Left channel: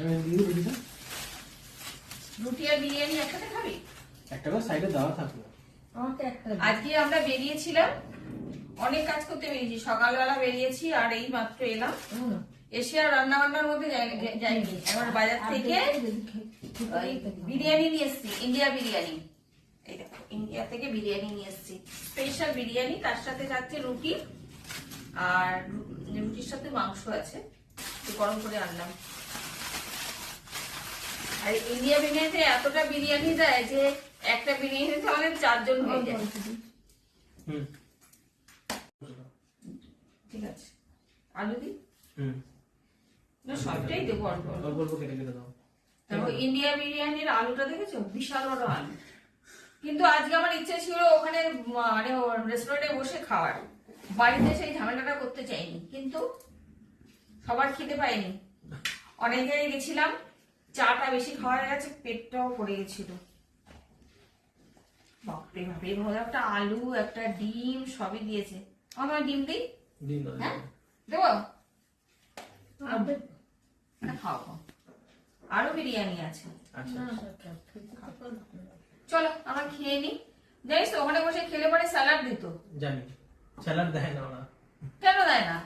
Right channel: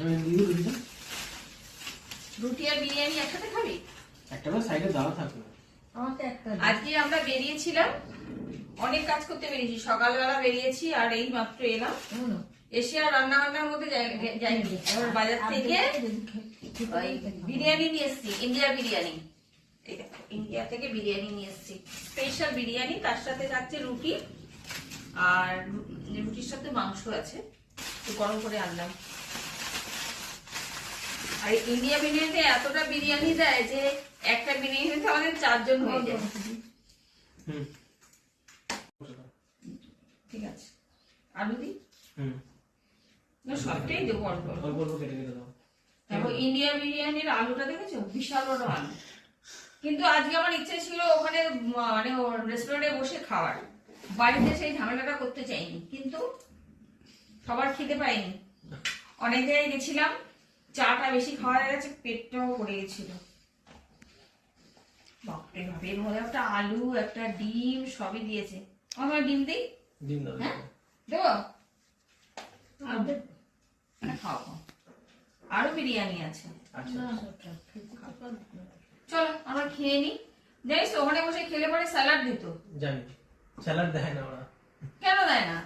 আমি দিয়ে দিই রুটিটা। রুটি আর বিরিয়ানি একসাথে খাবি? একটা করে সাইডে দেওয়া থাকবে। আজকে আমরা বেরিয়েছিলাম, অনেক কাজ করতে বেরিয়েছি, সকালবেলা বেরিয়েছি আর এই মাত্র এলাম। এসে আর রান্না বান্নার মধ্যে যাইনি। এখন বাজার থেকে ওই বিরিয়ানি নিয়ে এসছি, ইন্ডিয়া বিরিয়ানি। এই দেখো, ইন্ডিয়া থেকে বিরিয়ানি নিয়ে এসছি, স্পেশাল বিরিয়ানি। তার সাথে থাকছে রুটি, আর রুটির সাথে মাংস আছে, একটু গরম করে আনলাম। আর ইন্ডিয়া বিরিয়ানিতে এতটা বিরিয়ানি দেয় যে একটা বিরিয়ানিতে আমাদের 4 জন হয়ে যায়। ঠিক আছে, আলু দি না, সবটাই দেবো অল্প অল্প কেটে কেটে দাও। দেখো ইন্ডিয়া বিরিয়ানির আলুটা দেখেছো, বিশাল বড় আলু। কিন্তু আজকে আমার ইচ্ছা ছিল ওখানে মানে রেস্টুরেন্টে বসে খাওয়ার, বাড়িতে সেই ঝামেলাটা করতে চাইনি, কিন্তু সবার খেতে পাইনি। অনেক জায়গায় গেছিলাম, চাটা বেশি খাওয়া গেছে, পেটটাও পড়ে গেছিল। বাপরে বাপরে, এর মধ্যে একটা আলু, একটা ডিম সবই দিয়েছে। আমার ডিম দিই? ডিম দাও। হ্যাঁ দেবো, খাও। আরো বিরিয়ানি আছে, আচ্ছা চলো আমরা খেয়ে নি। জানিস তো ওখানে বসে খেলে পরে স্যালাড দিত। জানি, স্যালাড দেয় না ওরা। কেন দেয় না?